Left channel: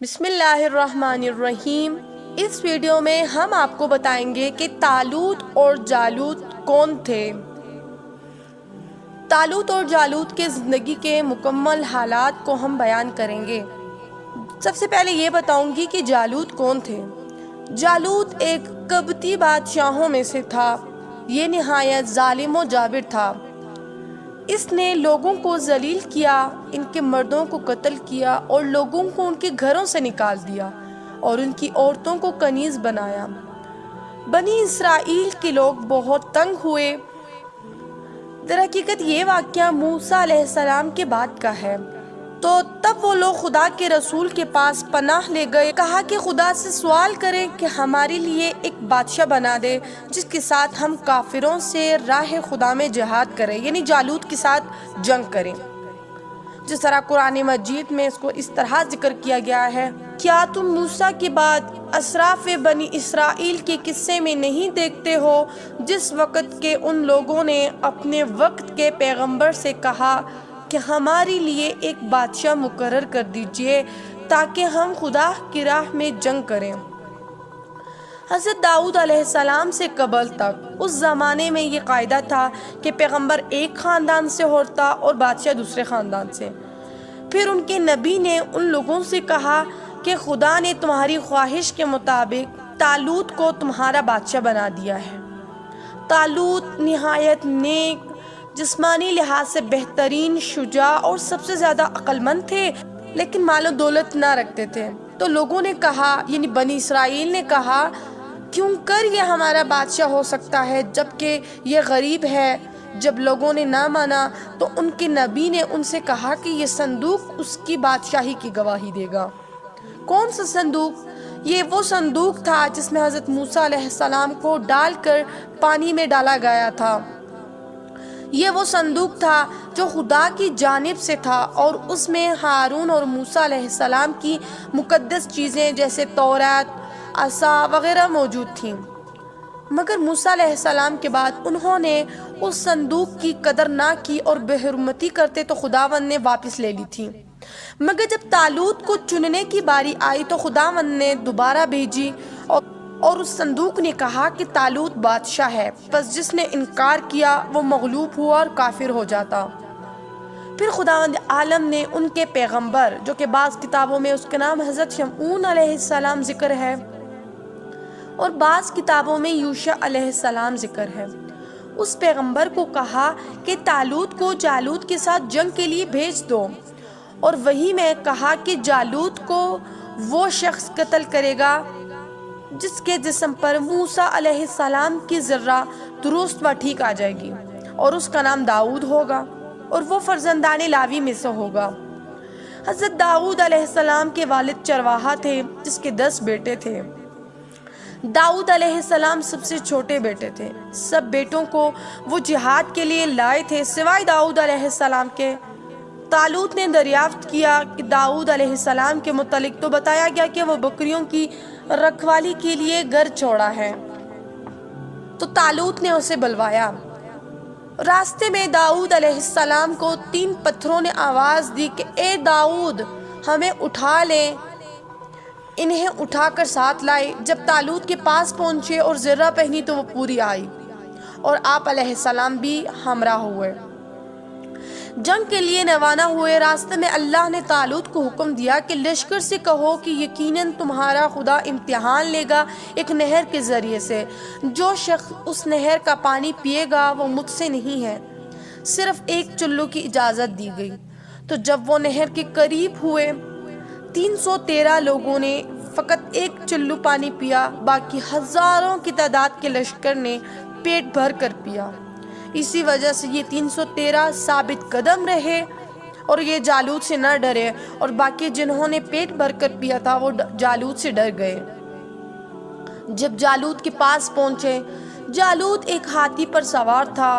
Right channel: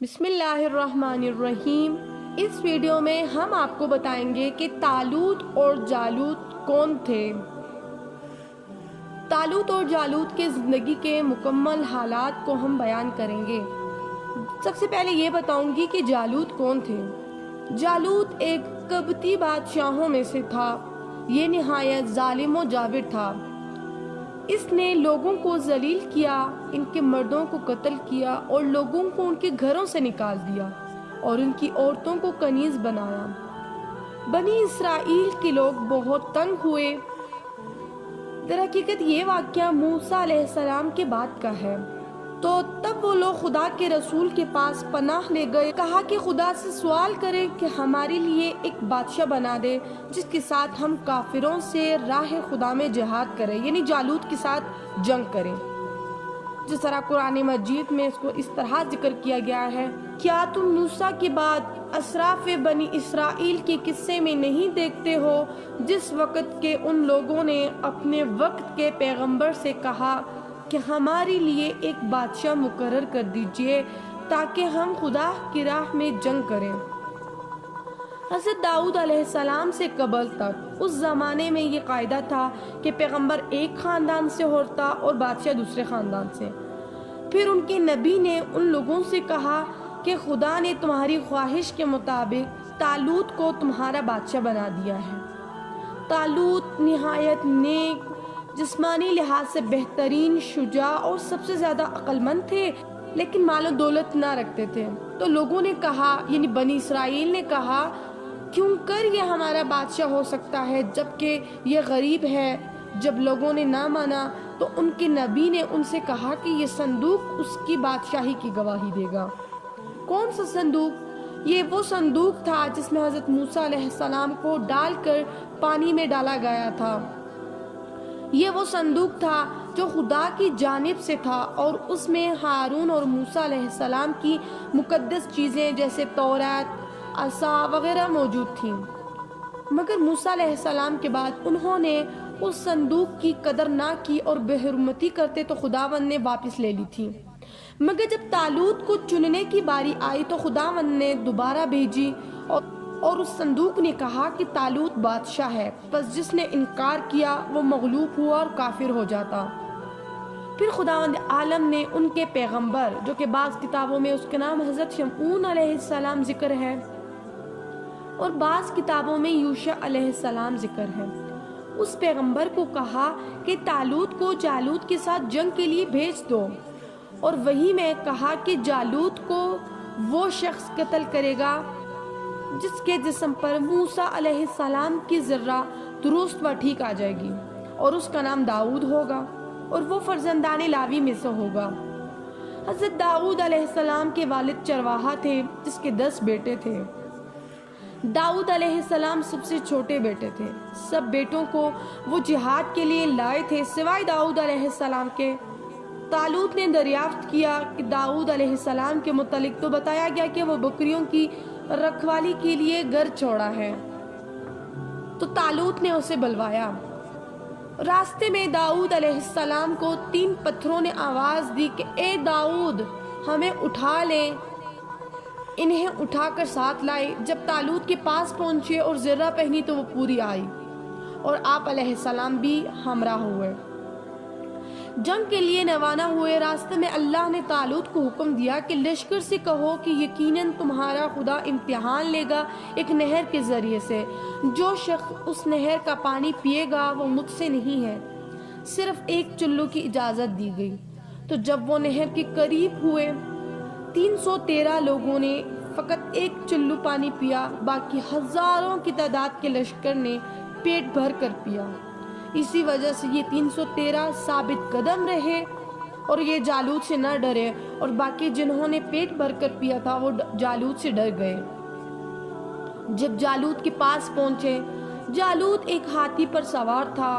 بسم اللہ الرحمن الرحیم۔ اس ویڈیو میں ہم آپ کو بتائیں گے کہ طالوت اور جالوت کون تھے۔ طالوت اور جالوت کے زندگی کے مکمل حالات کو ہم بیان کریں گے۔ سب سے پہلے یہ بتاؤں گی کہ جالوت کون تھے۔ جالوت ایک قبطی بادشاہوں میں سے تھا۔ یہ نہایت ظالم و جابر تھا۔ اس نے لوگوں کو ذلیل کیا، ان کے مردوں کو قتل کیا اور لوگوں کو ان کے گھروں سے نکال دیا اور ان کی عورتوں کو کنیز بنایا۔ بنی اسرائیل کے لوگ بہت تنگ ہوئے۔ در حقیقت یہ واقعہ موسیٰ علیہ السلام کے بعد کا ہے۔ تو تب وہ لوگ خدا کے رسول کے پاس پناہ لے گئے، کہا کہ خدا سے سوال کریں کہ ہمارے لیے ایک بادشاہ بنا دے جس کے ساتھ ہم کافروں سے راہ خدا میں جہاد کریں، یعنی جالوت کے ساتھ جنگ کریں۔ جس طرح قرآن مجید میں اس کو اس طرح ذکر کیا گیا ہے، کیا تم موسیٰ کے بعد اسراف بنی اسرائیل کے قصے میں نہیں دیکھتے ہو جس وقت کے ان لوگوں نے اپنے وقت کے پیغمبر سے کہا کہ ہمارے لیے ایک بادشاہ مقرر کر دیجئے تاکہ ہم خدا کی راہ میں جنگ کریں۔ حضرت داؤد علیہ السلام سے قبل تک اس زمانے میں یہ قاعدہ تھا کہ پیغمبر ایک خاندان سے ہوتا اور بادشاہ دوسرے خاندان سے۔ پھر ان کے نبی نے ان لوگوں سے کہا کہ خدا نے تمہاری خواہش کے مطابق طالوت کو تمہارا بادشاہ بنا دیا ہے۔ طالوت نہایت نیک، جسمانی لحاظ سے بہترین، شجاع اور سب سے زیادہ عقل مند تھے، لیکن مال و دولت نہ رکھتے تھے۔ تو لوگوں نے کہا، یعنی بنی اسرائیل نے کہا، کیوں کر یہ ہمارا بادشاہ ہو سکتا ہے جبکہ یہ غریب ہے۔ جب لوگوں نے نہ مانا تو ان کے نبی نے ان سے کہا کہ یہ صندوق اس کی بادشاہی کی گواہی دے گا۔ کون سا صندوق؟ یہ وہ صندوق تھا جس میں حضرت موسیٰ علیہ السلام کو ڈال کر پانی میں ڈالا گیا تھا۔ یہ وہ صندوق تھا جو خدا کی جانب سے تھا اور اس میں ہارون اور موسیٰ علیہ السلام کی مقدس چیزیں جیسے تورات، عصا وغیرہ موجود تھیں۔ مگر موسیٰ علیہ السلام کے بعد انہوں نے اس صندوق کی قدر نہ کی اور بے حرمتی کرتے تو خداوند نے واپس لے لی تھی۔ مگر جب طالوت کو چننے کی باری آئی تو خداوند نے دوبارہ بھیجی اور اس صندوق نے کہا کہ طالوت بادشاہ ہے، پس جس نے انکار کیا وہ مغلوب ہوا اور کافر ہو جاتا۔ پھر خداوند عالم نے ان کے پیغمبر، جو کہ بعض کتابوں میں اس کا نام حضرت شمعون علیہ السلام ذکر ہے اور بعض کتابوں میں یوشع علیہ السلام ذکر ہے، اس پیغمبر کو کہا کہ طالوت کو جالوت کے ساتھ جنگ کے لیے بھیج دو، اور وہی میں کہا کہ جالوت کو وہ شخص قتل کرے گا جس کے جسم پر موسیٰ علیہ السلام کی ذرہ درست و ٹھیک آ جائے گی، اور اس کا نام داؤد ہوگا اور وہ فرزندان لاوی میں سے ہوگا۔ حضرت داؤد علیہ السلام کے والد چرواہا تھے جس کے 10 بیٹے تھے۔ داؤد علیہ السلام سب سے چھوٹے بیٹے تھے۔ سب بیٹوں کو وہ جہاد کے لیے لائے تھے سوائے داؤد علیہ السلام کے۔ طالوت نے دریافت کیا کہ داؤد علیہ السلام کے متعلق تو بتایا گیا کہ وہ بکریوں کی رکھوالی کے لیے گھر چھوڑا ہے، تو طالوت نے اسے بلوایا۔ راستے میں داؤد علیہ السلام کو 3 پتھروں نے آواز دی کہ اے داؤد، ہمیں اٹھا لیں۔ انہیں اٹھا کر ساتھ لائے۔ جب طالوت کے پاس پہنچے اور ذرہ پہنی تو وہ پوری آئی اور آپ علیہ السلام بھی ہمراہ ہوئے، جنگ کے لیے روانہ ہوئے۔ راستے میں اللہ نے طالوت کو حکم دیا کہ لشکر سے کہو کہ یقیناً تمہارا خدا امتحان لے گا ایک نہر کے ذریعے سے، جو شخص اس نہر کا پانی پیے گا وہ مجھ سے نہیں ہے۔ صرف ایک چلو کی اجازت دی گئی۔ تو جب وہ نہر کے قریب ہوئے، 313 لوگوں نے فقط ایک چلو پانی پیا، باقی ہزاروں کی تعداد کے لشکر نے پیٹ بھر کر پیا۔ اسی وجہ سے یہ 313 ثابت قدم رہے اور یہ جالوت سے نہ ڈرے، اور باقی جنہوں نے پیٹ بھر کر پیا تھا وہ جالوت سے ڈر گئے۔ جب جالوت کے پاس پہنچے، جالوت ایک ہاتھی پر سوار تھا،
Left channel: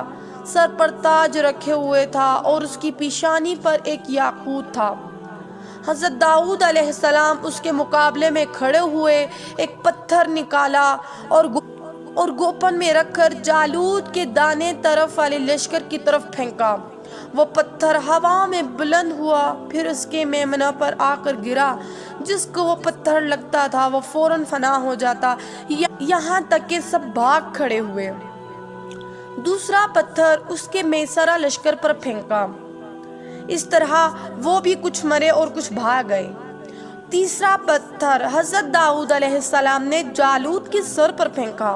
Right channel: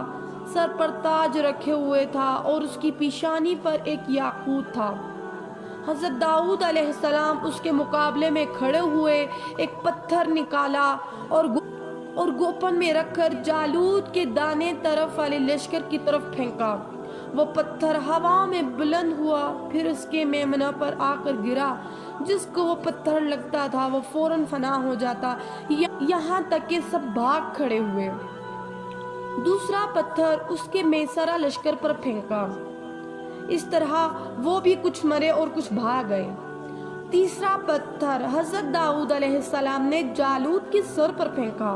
سر پر تاج رکھے ہوئے تھا اور اس کی پیشانی پر ایک یاقوت تھا۔ حضرت داؤد علیہ السلام اس کے مقابلے میں کھڑے ہوئے، ایک پتھر نکالا اور گوپن میں رکھ کر جالوت کے دانے طرف والے لشکر کی طرف پھینکا وہ پتھر ہوا میں بلند ہوا، پھر اس کے میمنہ پر آ کر گرا۔ جس کو وہ پتھر لگتا تھا وہ فوراً فنا ہو جاتا، یہاں تک کہ سب بھاگ کھڑے ہوئے۔ دوسرا پتھر اس کے میسرہ لشکر پر پھینکا، اس طرح وہ بھی کچھ مرے اور کچھ بھاگ گئے۔ تیسرا پتھر حضرت داؤد علیہ السلام نے جالوت کے سر پر پھینکا،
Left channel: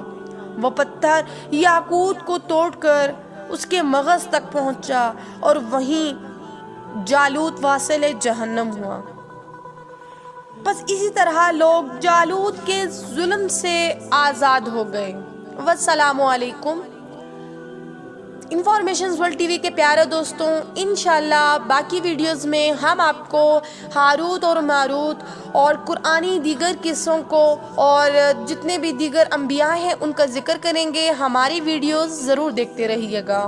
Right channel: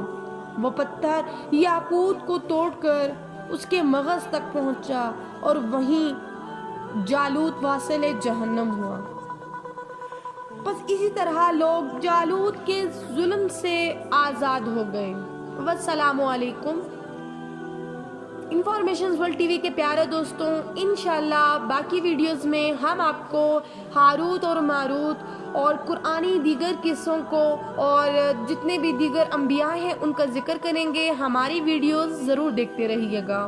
وہ پتھر یاقوت کو توڑ کر اس کے مغز تک پہنچا اور وہیں جالوت واصل جہنم ہوا۔ بس اسی طرح لوگ جالوت کے ظلم سے آزاد ہو گئے۔ والسلام علیکم۔ انفارمیشنز ورلڈ ٹی وی کے پیارے دوستوں، انشاءاللہ باقی ویڈیوز میں ہم آپ کو ہاروت اور ماروت اور قرآنی دیگر قصوں کو اور جتنے بھی دیگر انبیاء ہیں ان کا ذکر کریں گے۔ ہماری ویڈیوز ضرور دیکھتے رہیے گا۔